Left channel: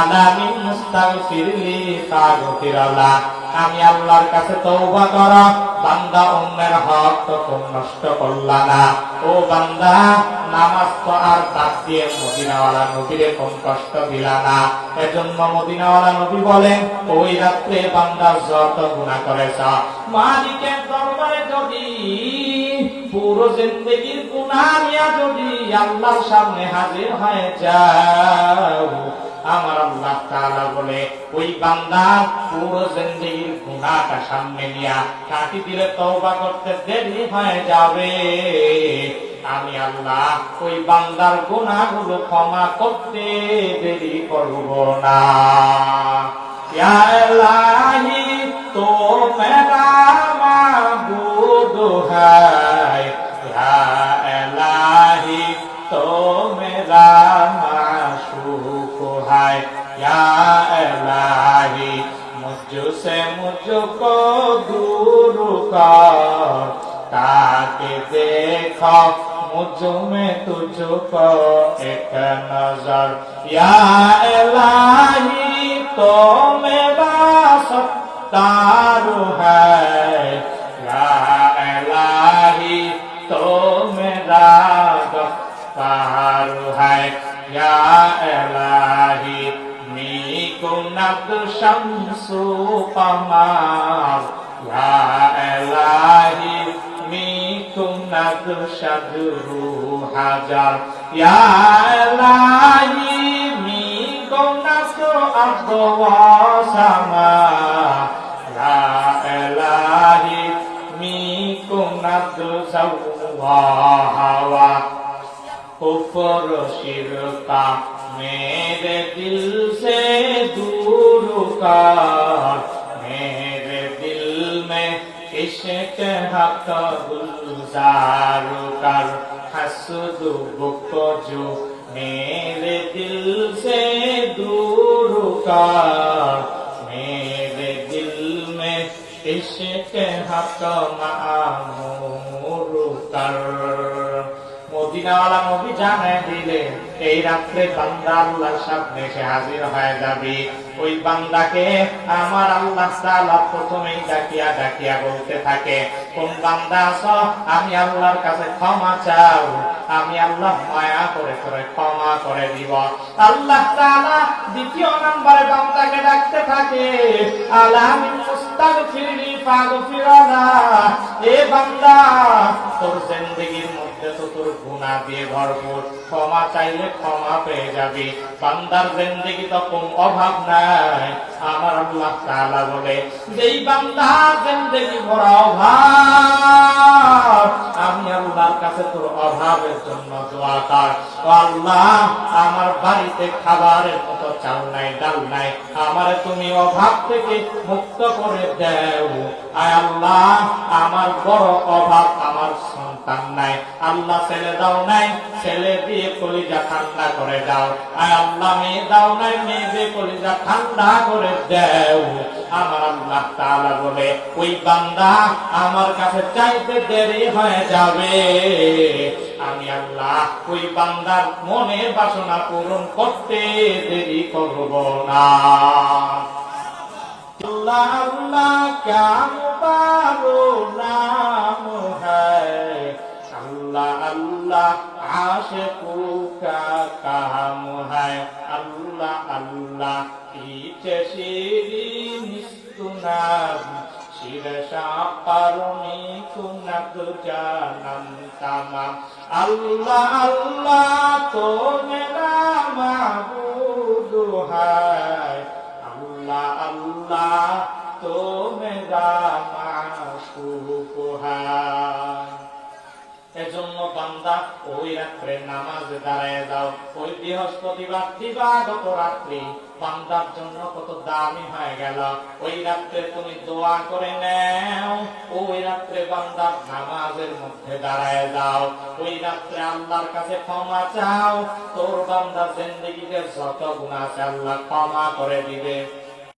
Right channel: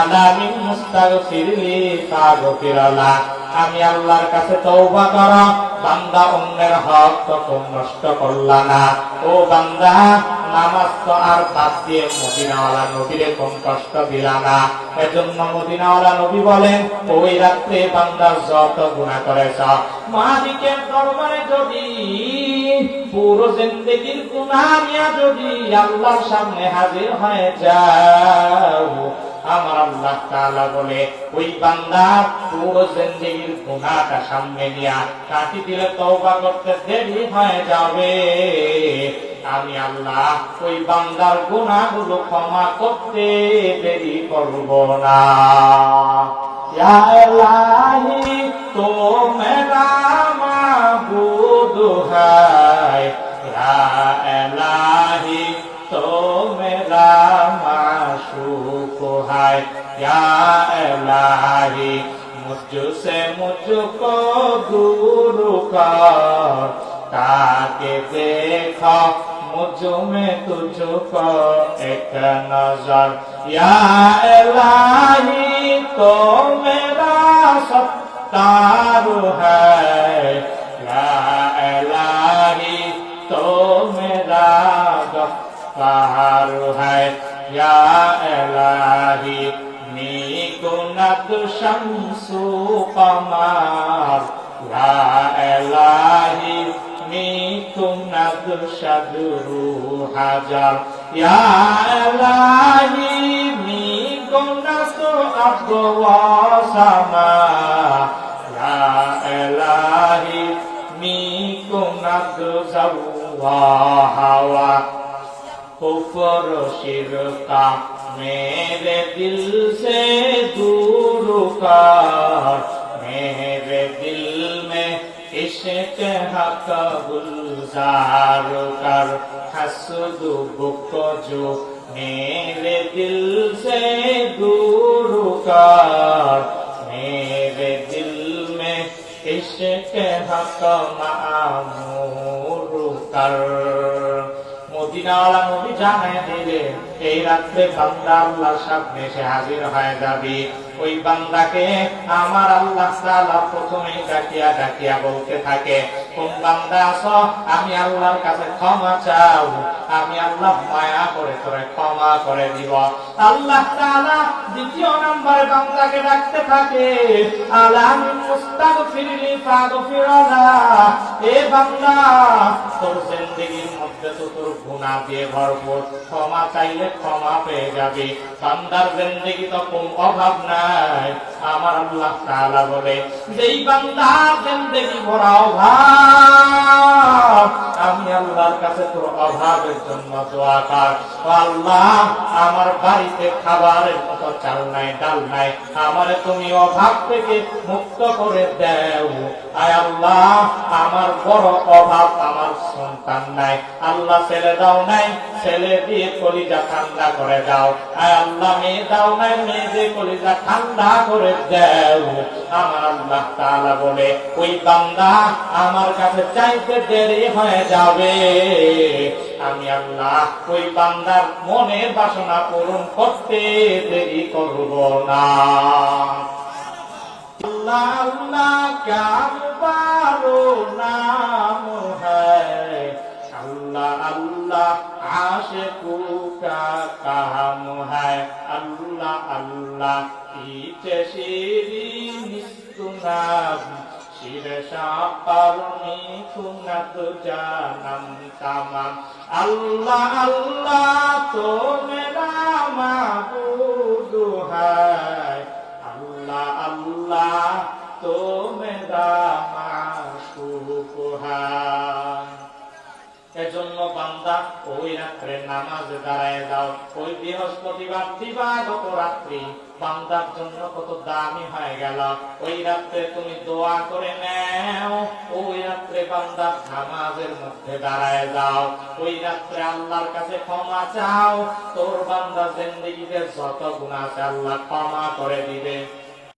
আলামিন মুস্তাগফিরলি ফাগফিরালা। আমি আল্লাহর কাছে তওবা কর, বান্দা অন্যের হক তো তুমি নষ্ট করলা না। ও বান্দা, নামাজ তো আর বাদ দিয়ে মদিনাওয়ালা নবীরে কোন কষ্ট দিলা না। এজন্য মদিনাওয়ালা নবী বলেন, ওই রাত্রে বান্দা যত গুনাহ করেছ, মালিকের দরবারে যদি পুরো জিন্দেগীর গুনাহ নিয়ে যদি আল্লাহর সামনে হাজির হয়ে যাও, আমার আল্লাহ তাআলা বলে ওই বান্দা পুরো জিন্দেগীর গুনাহটা সামনে নিয়ে কাটি দিলে তওবা করতে দেরি হয়ে যাবে। আমি আল্লাহ ওই বান্দার গুনাহগুলো ক্ষমা করতে দেরি করব না। ইয়া ইলাহি তো মেরা মাবুদ হ্যায়, ইয়া ইলাহি তো মেরা মাশুক হ্যায়, ইয়া ইলাহি মুझसे मुझको दूर कर, ताकि देखो मुझ में तुझको एक नजर। या इलाही तो मेरा सत्तार है, या इलाही तो मेरा गफ्फार है, या इलाही নিকুনাত শামসু কমার, ইয়া ইলাহি নিকুনাত শাদরু হাজার, ইয়া ইলাহি নিকুনাত আবওয়া সামা, ইয়া ইলাহি নিকুনাত জাওয়া হাওয়া। कुफर शिरका मेरे दिल से दूर कर, मेरे दिल में इश्क हक गुलजार कर, हसद बुक जो मेरे दिल से दूर कर, मेरे दिल में इश्क हक मामूर कर। মদিনাওয়ালা নবী জানায় দিলেন, এই রাত্রে বান্দা আল্লাহর সামনে এসে হাজির হয়ে যাবে। ওই বান্দাকে আমার আল্লাহ তাআলা প্রথমেই ডাকিয়া ডাকিয়া বলতে থাকে, কোন বান্দা আছো, আমি আল্লাহর কাছে ক্ষমা চাও, আমি আল্লাহ মায়া করে তোরে ক্ষমা করে দিব। আল্লাহ তাআলা দ্বিতীয় নম্বরে বান্দাকে ডাকতে থাকে, আলামিন মুস্তাগফিরলি ফাগফিরালা। এ বান্দা, তোর জিন্দেগীর মধ্যে তো তোর গুনাহ দিয়ে ভরপুর, ক্ষমা চাইলে ক্ষমা পেয়ে যাবি। বান্দার জিন্দেগি তো কোন অভাব নাই। আমার আল্লাহ তাআলা বলে, যেই বান্দা জিন্দেগি ভরা অভাব, আমি আল্লাহর কাছে তোর অভাবের জন্য দোয়া কর, আল্লাহ আমার বাড়িতে খাবারের মতো চাল নাই, ডাল নাই, আমারে তুমি অভাব থেকে মুক্ত করে দাও। আয় আল্লাহ, আমার বড় অভাব, আমার সন্তান নাই, আল্লাহ ছেলে দাও নাই, ছেলে দিয়ে কলিজা ঠান্ডা করে দাও। আয় আল্লাহ, মেয়ে দাও নাই, মেয়ে দিয়ে কলিজা ঠান্ডা করে দাও। আমার আল্লাহ তাআলা বলে, ওই বান্দা আমার কাছে চাইতে দেরি হয়ে যাবে, আমি আল্লাহ ওই বান্দার মনের বাসনা পূরণ করতে দেরি করব না। अल्लाह अल्लाह क्या मुबारक नाम है, अल्लाह अल्लाह आशिकों का काम है, अल्लाह अल्लाह पीछे शीरीन सुनाम शिरशा करनी कुनत जानम तमाम। अल्लाह अल्लाह तो मेरा माबूद है, अल्लाह अल्लाह तो मेरा माशूक है। এজন্য বান্দা ওই রাত্রে নামাজে দাঁড়ায় যাও। ওই বৃহস্পতিবার দিবাগত রাত্রি বান্দার জন্য কত দামি হয়ে গেল। ওই রাত্রে তুমি দোয়া করে নাও, ওই রাত্রে বান্দার নামাজের মধ্যে দাঁড়ায় যাও, ওই রাত্রে আল্লাহর কাছে ক্ষমা চাও। তোর বান্দার জিন্দেগিতে যত গুনাহ আছে আল্লাহ ক্ষমা করে দিবে।